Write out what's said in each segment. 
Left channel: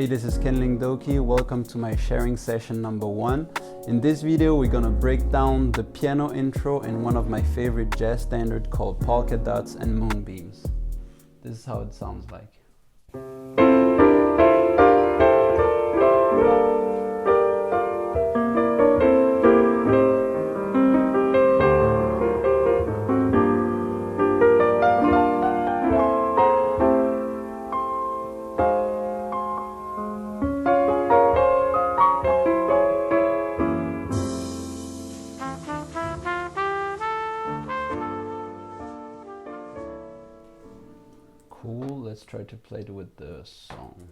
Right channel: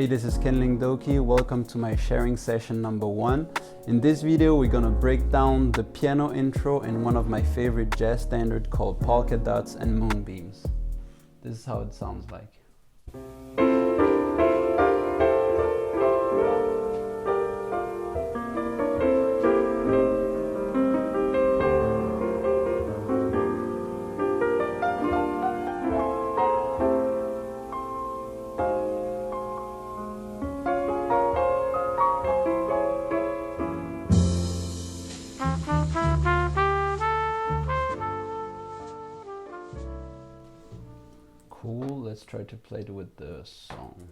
Hey, this is Doky. Welcome to my sharing session number 1. In this video, we're gonna break down the piano intro in one of my favorite jazz standards called Polka Dots and Moonbeams. This is how it sounds like. Cool, let's try to play it with the song.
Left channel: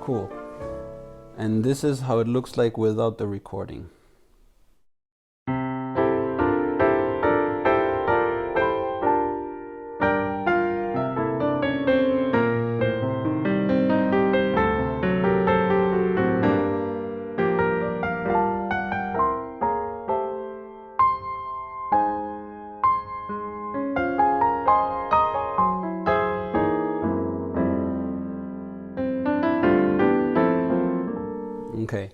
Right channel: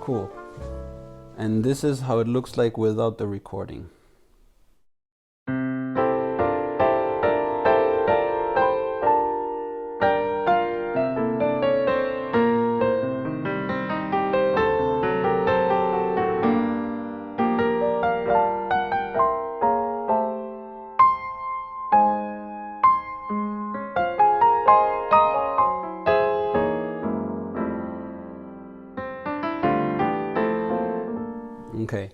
Cool. And this is how it looks like without the recording. Okay.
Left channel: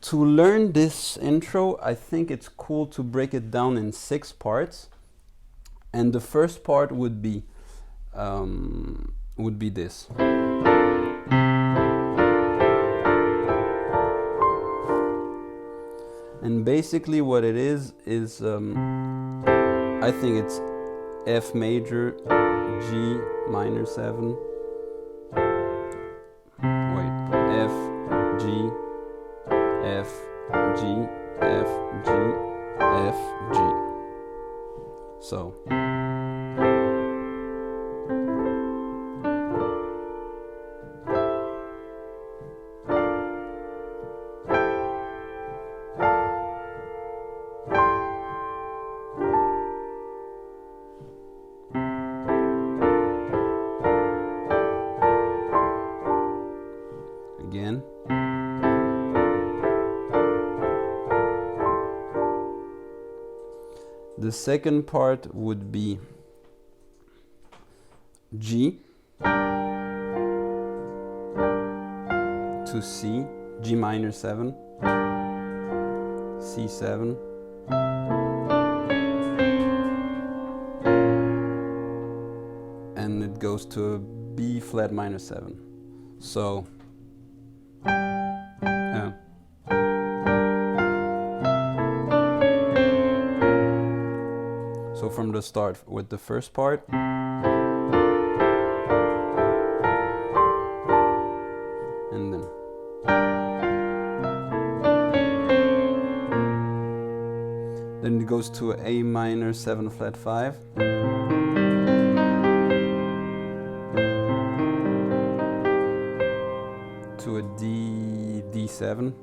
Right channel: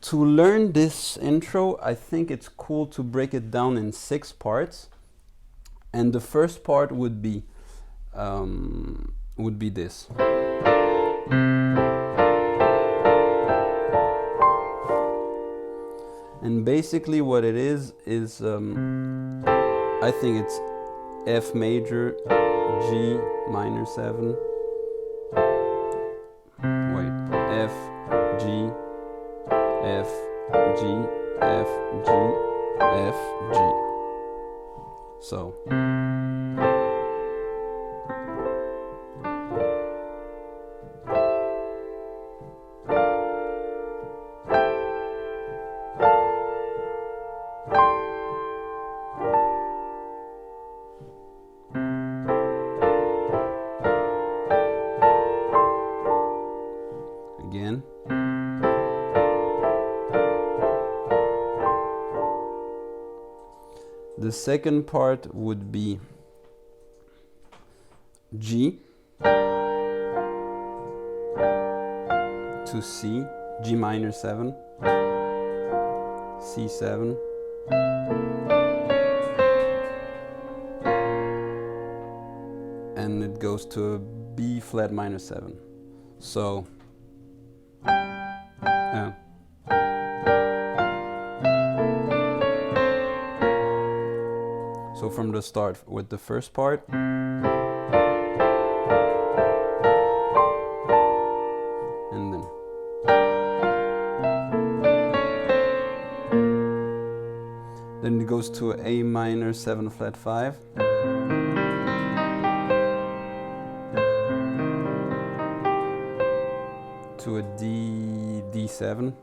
To learn this intro, I think it's cool to break it down in 6 parts. And the first part would be this. And basically what it is I think it's F major, G minor 7. F, G, F, G, F, G, F, G. So. Again. The second part would be G to C, G minor 7, C7, and it goes to a B flat minor 7. So So from the start with the first part, and then it goes to A minor 7 flat 5, to a D7.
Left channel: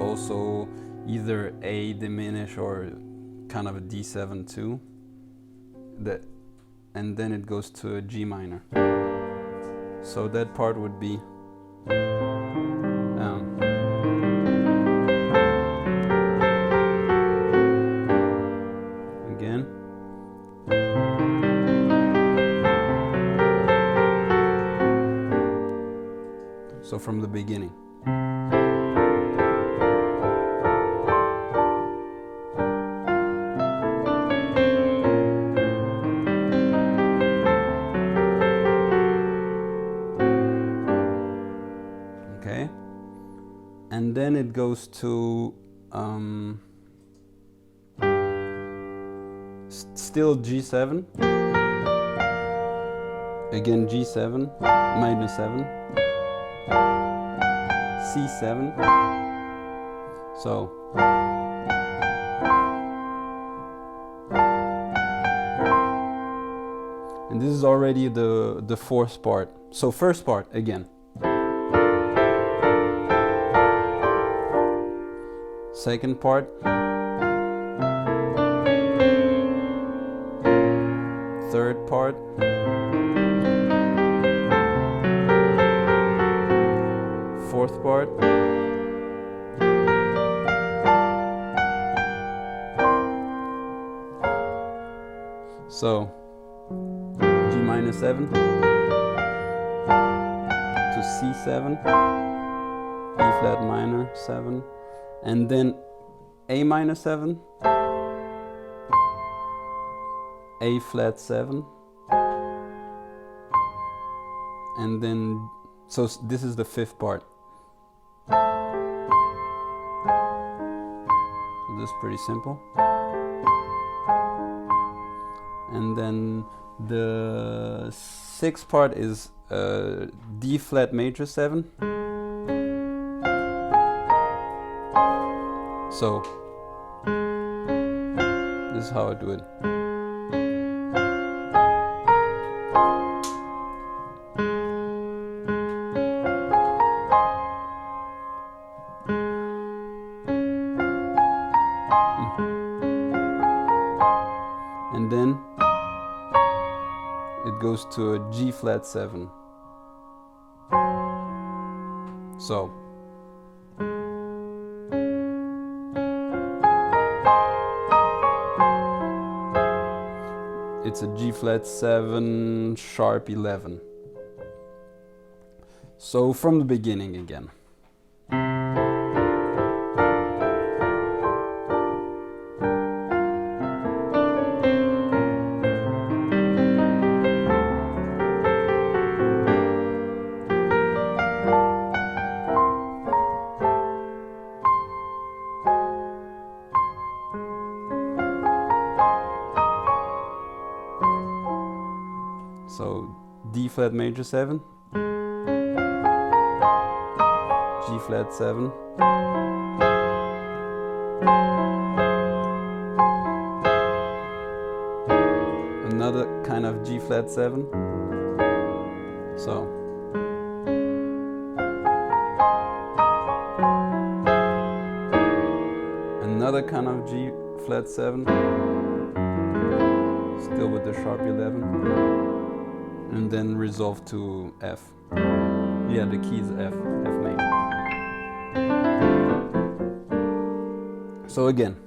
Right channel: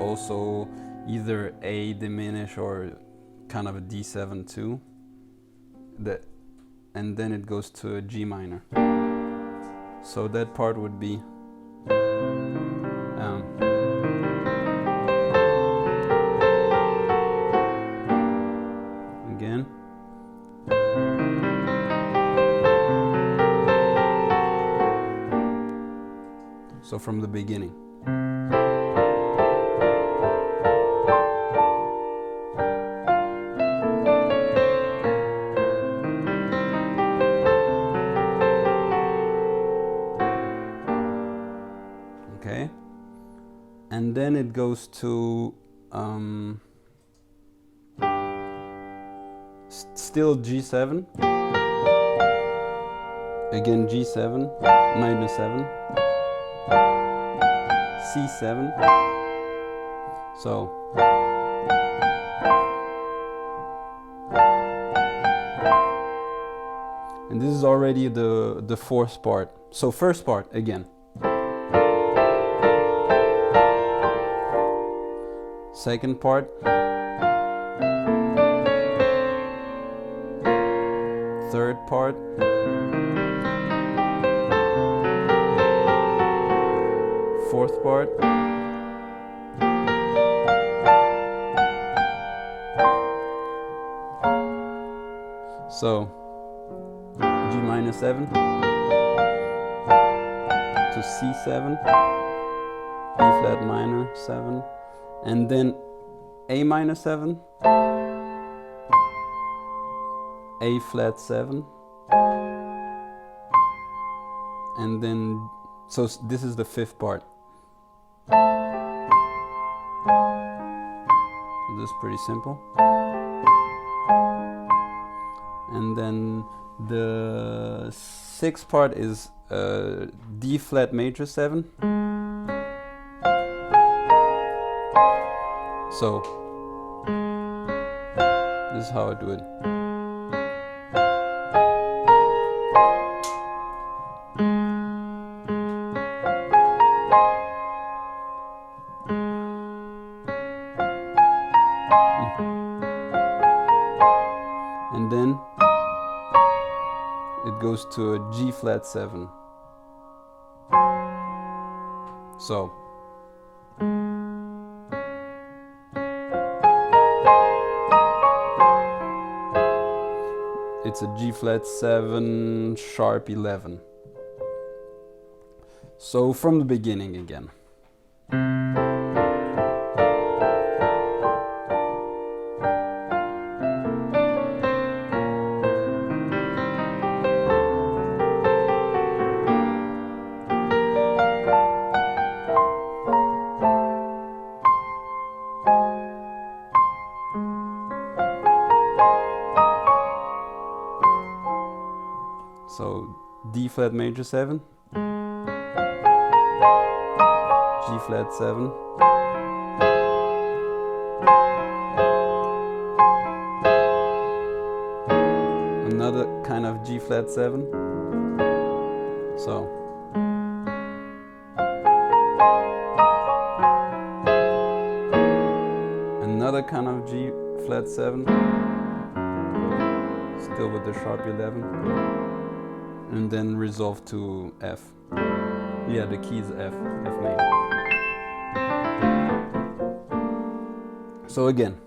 Also either A diminish or kind of a D7 too. And then it goes to a G minor. So that part would be again. So from the beginning. Okay, and then it goes to still G7, again G7, minor 7, C7, so And this is already the fourth part. So first part again. Second part. Third part. Fourth part. So G minor 7 to C7, E flat minor 7, and then A minor 7, A flat 7, and then, so this is the fifth part. So this is pretty simple. And then the sixth part is D flat major 7. So this is how I do it. And then it goes to a G flat 7. So it's a G flat 7 sharp 11. So from the beginning again. So D flat major 7, G flat 7, another kind of G flat 7, so another kind of G flat 7, still with the sharp 11. And then resolve to F. Yeah, the key is F, F major. So again.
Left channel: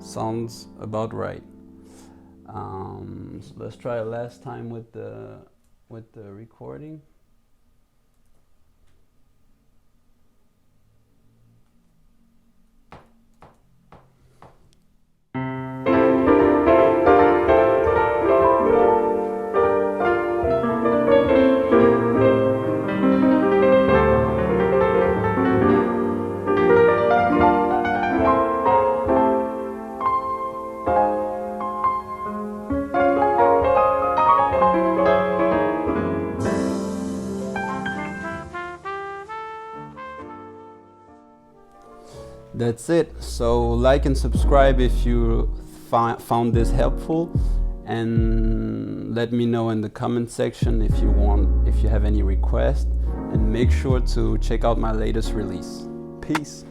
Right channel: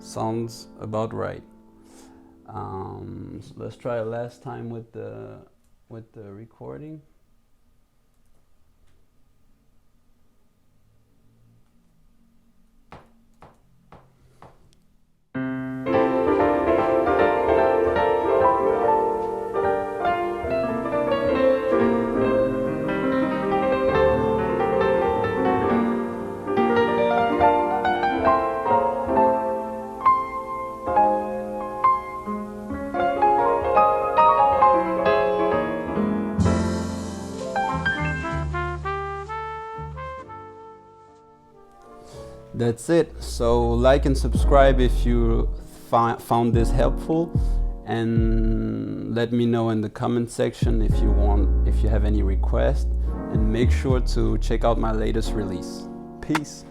Sounds about right. So let's try last time with the recording. That's it. So like and subscribe if you found this helpful, and let me know in the comment section if you have any requests, and make sure to check out my latest release. Peace.